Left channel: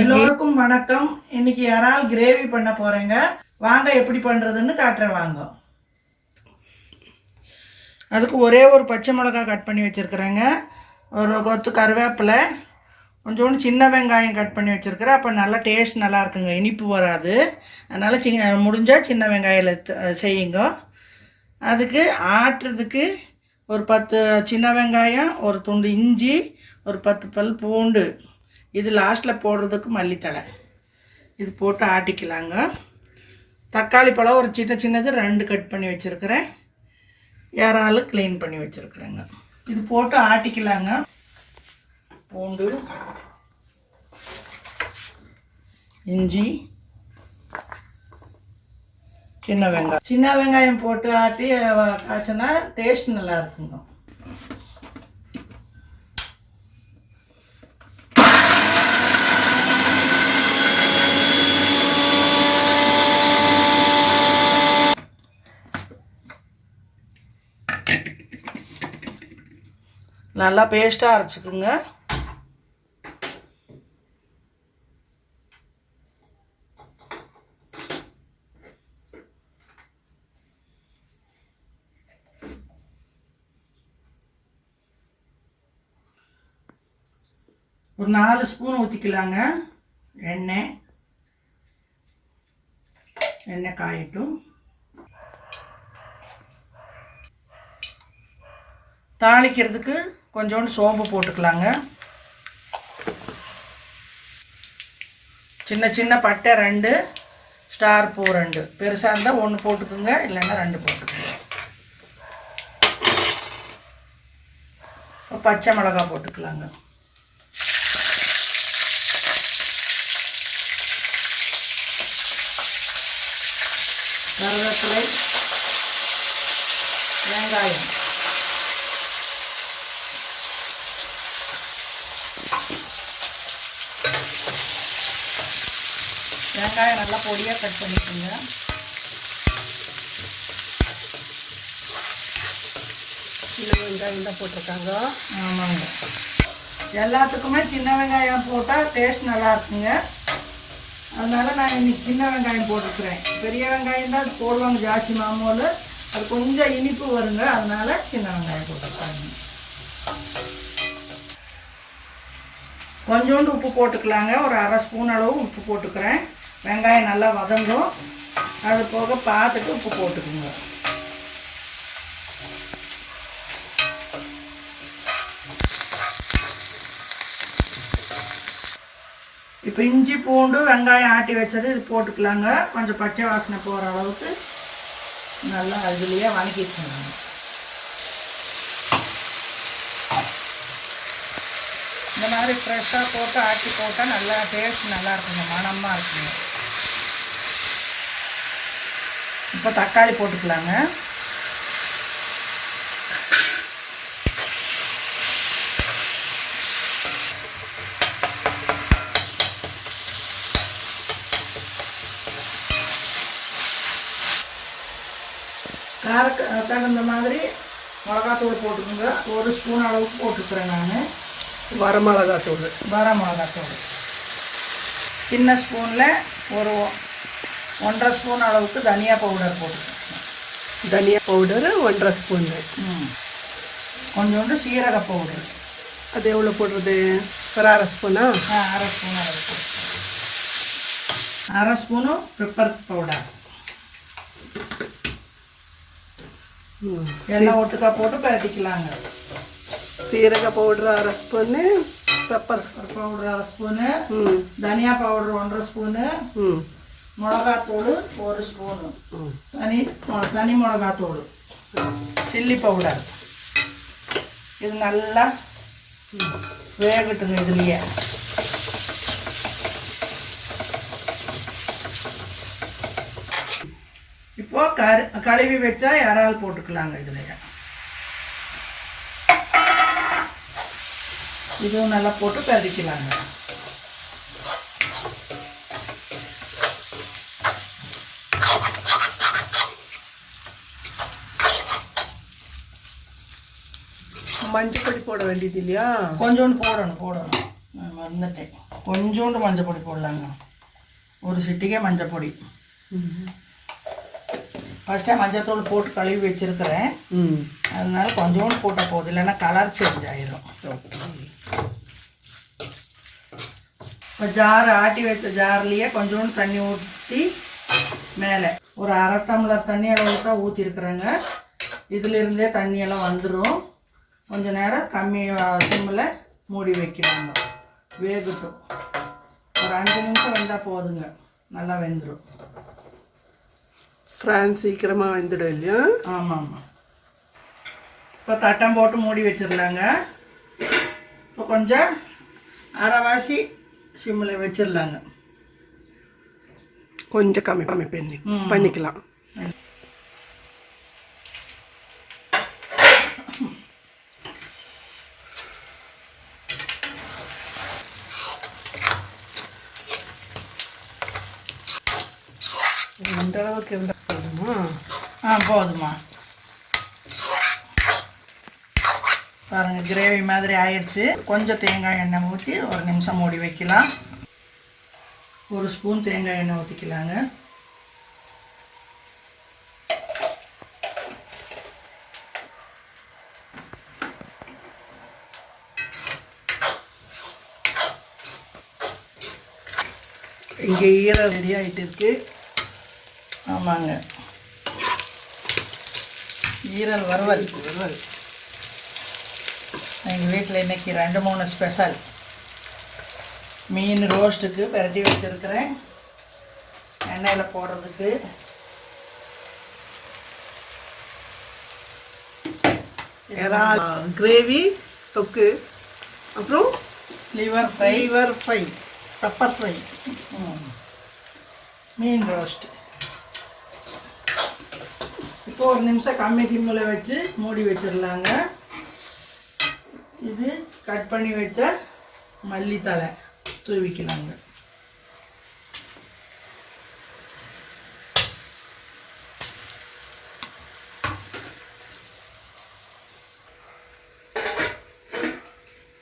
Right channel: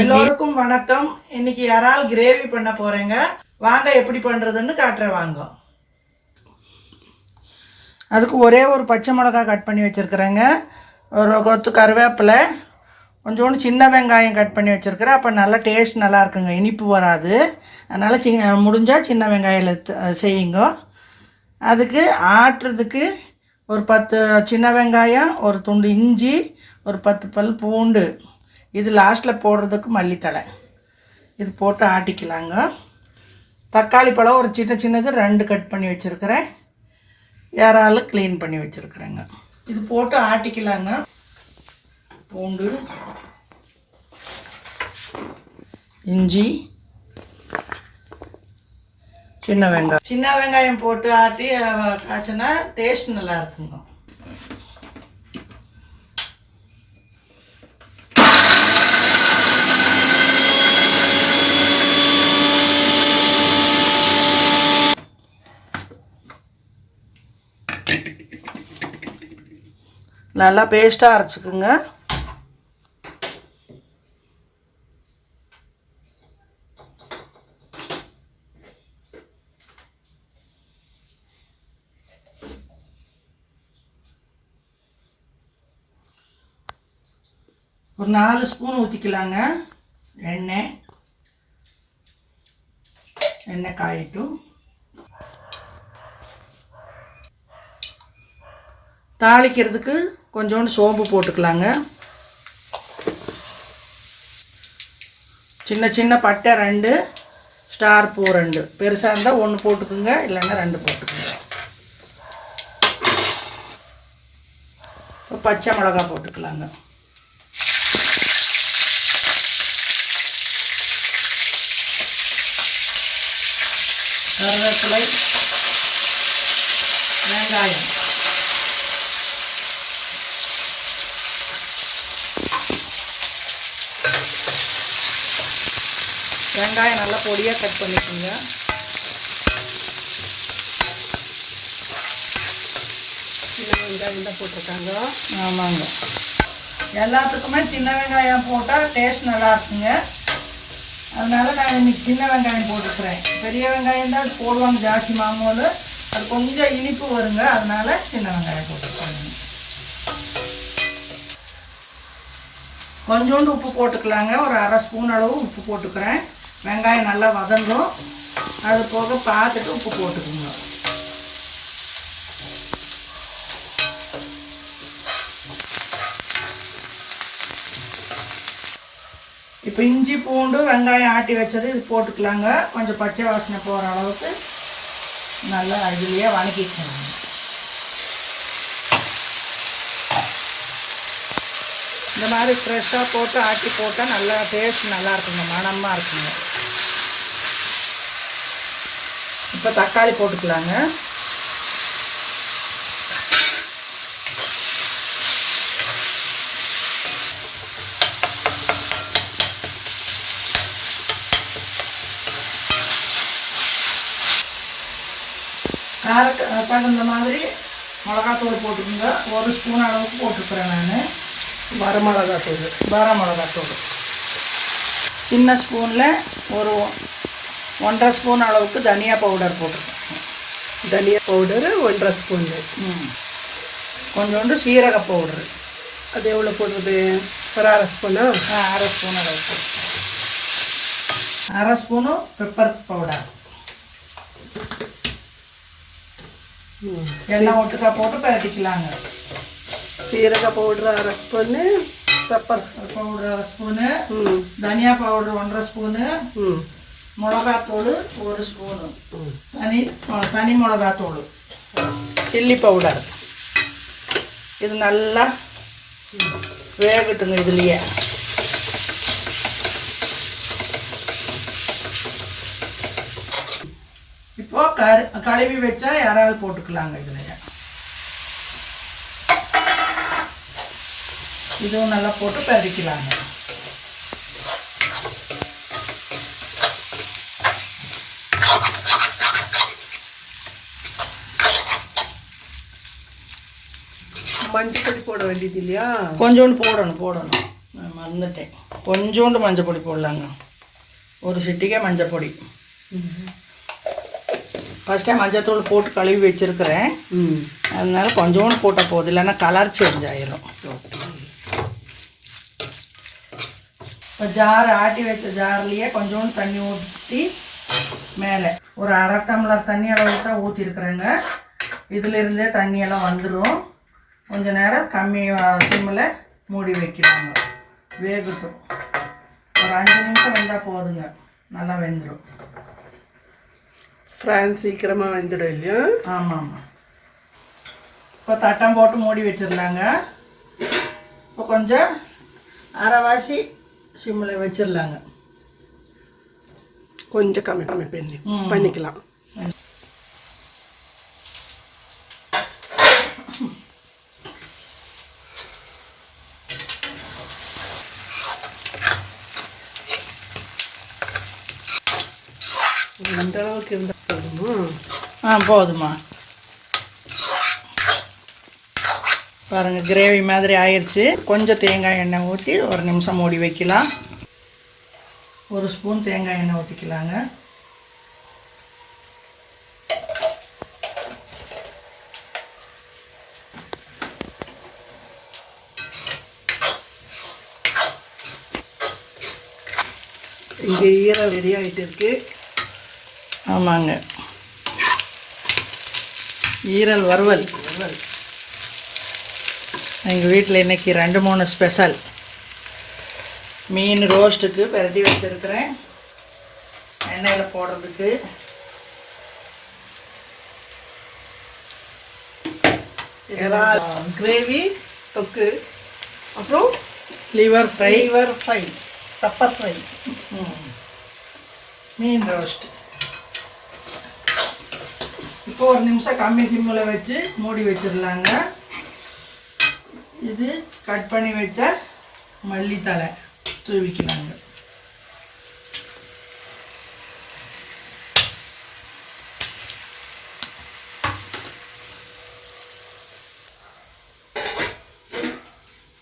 எல்லோருக்கும் வணக்கம். இன்னைக்கு யாரால் கிரேவி பண்ண போறேங்க? வாங்க எப்படி பண்றதுன்னு காட்டுறேன் வாங்க. அதுக்கு ஒரே ஒரு பச்சை மிளகாய் கட் பண்ணி வச்சுருக்குறேங்க. ஒரு கொத்து கருவேப்பிலை கொஞ்சோண்டு சின்ன வெங்காயம் கட் பண்ணி வச்சுருக்குறேன். அப்போ நல்லா டேஸ்ட் நல்லா இருக்குங்க. இனிப்பு வராது. அதனால் சின்ன முடிஞ்சால் சின்ன வெங்காயம் செய்யுங்க. அதுக்கு ஆட்டுறதுக்கு ஒரு பத்து சின்ன வெங்காயம் ஒரு துண்டு இஞ்சி ஒரு பத்து பல் பூண்டு. இது லாஸ்ட்டில் போடுறதுக்கு மல்லித்தழை. இது போட்டு ஆட்டிக்கலாங்க. தக்காளி பழம் ஒரு சின்ன சின்னது ரெண்டு கட் பண்ணி வச்சுருக்கிறேன். இறால் க்ளீன் பண்ணி வச்சுருக்குறேங்க. இது போட்டு ஆட்டிக்கலாங்க. பூண்டு இஞ்சி சின்ன வெங்காயம். சின்ன வெங்காயம் போட்டு ஆட்டி காய்ச்சினா டேஸ்ட் நல்லா இருக்குங்க. நல்லா பேஸ்ட்டாக அரைச்சிக்குங்க. ஒரு நாலு ஸ்பூன் ஊற்றிக்கலாங்க எண்ணெய். எண்ணெய் காயட்டும். தாளிக்கிறதுக்கு கொஞ்சோண்டு சோம்பு போட்டுக்கலாங்க. சின்ன சின்ன பட்டை ரெண்டு ஸ்டார் பூ ரெண்டு. பெருசாக இருந்தால் ஒன்று போட்டுக்குங்க இல்லைன்னா ரெண்டு போட்டுக்குங்க. இப்போ பச்சை மிளகா போட்டுக்கலாங்க. கருவேப்பிலை வெங்காயம். வெங்காயம் நல்லா பொடியாக கட் பண்ணிக்கோங்க. சின்ன வெங்காயம் தான் போட்டிருக்காங்க. ஆமாங்க. எல்லாத்துக்குமே சின்ன வெங்காயம் போட்டால் டேஸ்ட் நல்லா இருக்குங்க. அதனால் நான் இன்றைக்கி சின்ன வெங்காயம் போட்டுக்கிறேன். பெரிய வெங்காயம் தான் போடுவாங்க ஜாஸ்தி மாமோல் அது கொஞ்சம் இனிப்பு வருங்க அதனால் சின்ன வெங்காயம் போட்டுக்கிறேன். கொஞ்சோண்டு உப்பு போட்டுக்கலாங்க. ஒரு அரை ஸ்பூன் அளவு உப்பு போட்டுக்கிறேன். வெங்காயம் நல்லா வதங்கும். அது போக பார்த்துட்டு உப்பு போட்டுக்குங்க. இப்போ இஞ்சி பூண்டு வெங்காயம் ஆட்டி வச்சது இது போட்டுக்கலாங்க. கொஞ்சம் பச்சை வாசனை போகிற அளவுக்கு நல்லா இதுலேயே வணக்கிக்கணும் இந்த மாதிரி ஃப்ரெஷ்ஷாக போட்டு ஆட்டி போட்டால் நல்லா டேஸ்ட் நல்லா இருக்குங்க. மனமாக இருக்குங்க. இப்போ தக்காளி போட்டுக்கலாங்க. காரக்கு தகுந்த மாதிரி மிளகாத்தூள் போட்டுக்கோங்க. ஒரு ஸ்பூன் அளவுக்கு போட்டுக்கிறேன் நான். வரமிளகா தூள் வர மிளகாத்தூள் சின்ன ஸ்பூனில் ஒரு ஒன்றரை ஸ்பூன் அளவுக்கு தனியா பவுடர் போட்டுக்கோங்க. தனியா பவுடரு ஒன்றரை ஸ்பூனு. ம். கொஞ்சோண்டு சீரக பவுடர். அது எவ்வளோ போடுறது? ஒரு அரை ஸ்பூனா? அரை ஸ்பூன் அளவுக்கு. அரை ஸ்பூனு பெப்பர் பவுடர். எல்லாம் ஒட்டுக்கா போட்டு பரட்டிக்கலாங்க. சீரக பவுடர் அரை ஸ்பூனு பெப்பர். பவுடர் அரை ஸ்பூனு தனியா பவுடர் ஒன்றரை ஸ்பூனு மிளகாத்தூள் ஒரு ஸ்பூனு. தனி தனி மிளகாத்தூள். Chilli powder. இது நல்லா வேகட்டுங்க இதுலேயே. இப்போ கரு கழுவி வச்சா இறால் போட்டுக்கலாங்க இதில். இதுவும் நல்லா போட்டு பதிக்கலாங்க மஞ்சள் பொடி போட வேண்டியது இல்லையா? கொஞ்சோண்டு போடணும் போடணும். நான் மறந்துட்டேன். கொஞ்சோண்டு மஞ்சள் பொடி போடலாங்க. ஒரு சிட்டிக்கே மஞ்சள் பொடி ஃபஸ்ட்டே மஞ்சத்தூள் போட்டு கழுவி வச்சுருக்கிறேன். அதனால கொஞ்சோண்டு போட்டால் போதும் இல்லைன்னா கலர் சேஞ்ச் ஆயிடும் இப்போ ஜார் ஆட்டி வச்ச ஜார்லேயே கொஞ்சோண்டு தண்ணி ஊற்றி மேலே. ஒரு அரை டம்ளர் தண்ணி அளவு தான் ஊற்றிருக்குறேங்க இதிலிருந்தே தண்ணியெல்லாம் வந்துடும் கொஞ்ச நேரம் கம்மி சிம்மில் மூடி வைக்கிறாங்க. வேகட்டும். ஒரு அஞ்சு நிமிஷம் வெந்தால் போதுங்க. நல்லா வெந்துடும் ஃப்ரான்ஸ் சீக்கிரமாக வெந்துடும் இல்லையா? ஆமாம் ஆமாம் இப்போ தட்டம் போட்டு மூடி வச்சிடலாங்க. இப்போ கொஞ்சம் அரைவாசி சிம்மில் வச்சிடலாங்க. கொஞ்சம் கம்மி கம்மி பண்ணி. பண்ணிக்கலாம் இந்த அளவுக்கு இருந்தால் போதுமா ஆ போதுமா பாருங்கள் கிரேவி மாதிரி ஆயிடுச்சு கொஞ்சம் தேங்காய் எண்ணெய் ஊற்றி ஒரு நிமிஷம் மூடி வைக்கலாம். ஒரு ஸ்பூன் தேங்காய் எண்ணெய் ஊற்றிக்கலாங்க இங்கே ஈரம் ரெடி ஆகிட்டு இருக்கு. ஆமாங்க. ஈரல் வறுவல். எங்கள் வீட்டில் இன்னைக்கு ரெண்டு மூணு ஸ்பெஷல் மீன் ரோஸ்ட்டுக்கு பெரட்டி வச்சுருக்கிறேன். எண்ணெயில் போடுறதுக்கு. கிரேவி தொக்கு அப்புறம் liver fry liver fry pepper fry மீன் ரோஸ்ட் இப்போ ஒரு நிமிஷம் கம்மி சிம்மில் வச்சு மூடி வச்சிடலாங்க. இது கட் பண்ணி வச்ச மல்லித்தழை தூவிக்கலாங்க.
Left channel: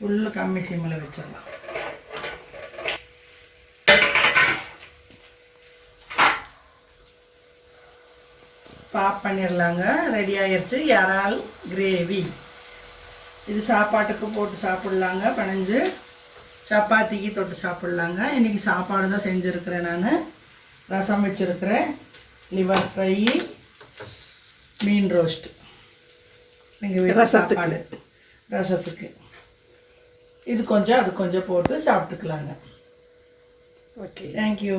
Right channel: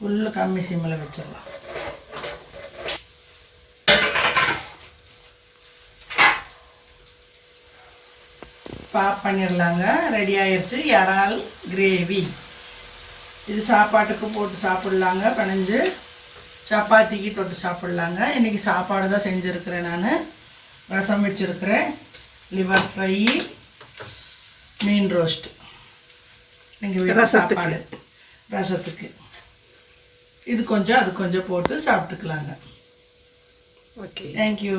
உள்ள கம்மி சிம்மில் வச்சிடலாம். பாப் பண்ணிடலாங்க ரெடி ஆயிருச்சு. இறால் கிரேவி இது சாப்பாட்டுக்கு போட்டு சாப்பிட்லாங்க. பிணைஞ்சு சப்பாத்திக்கு தொட்டு சாப்பிட்லாங்க. இன்றைக்கி சாப்பாடு தான் செஞ்சுருக்கிறேன் நான். ரசம் வச்சுருக்கிறேன். லிவர் ஃப்ரை மீன் ரோஸ்ட். எங்கள் வீட்டு ரசத்துக்கு. சாப்பாடு. ரசத்துக்கு. இது கொஞ்சம் அது கொஞ்சம் போட்டு சாப்பிட்டுக்கலாங்க. ஓகே. தேங்க்யூ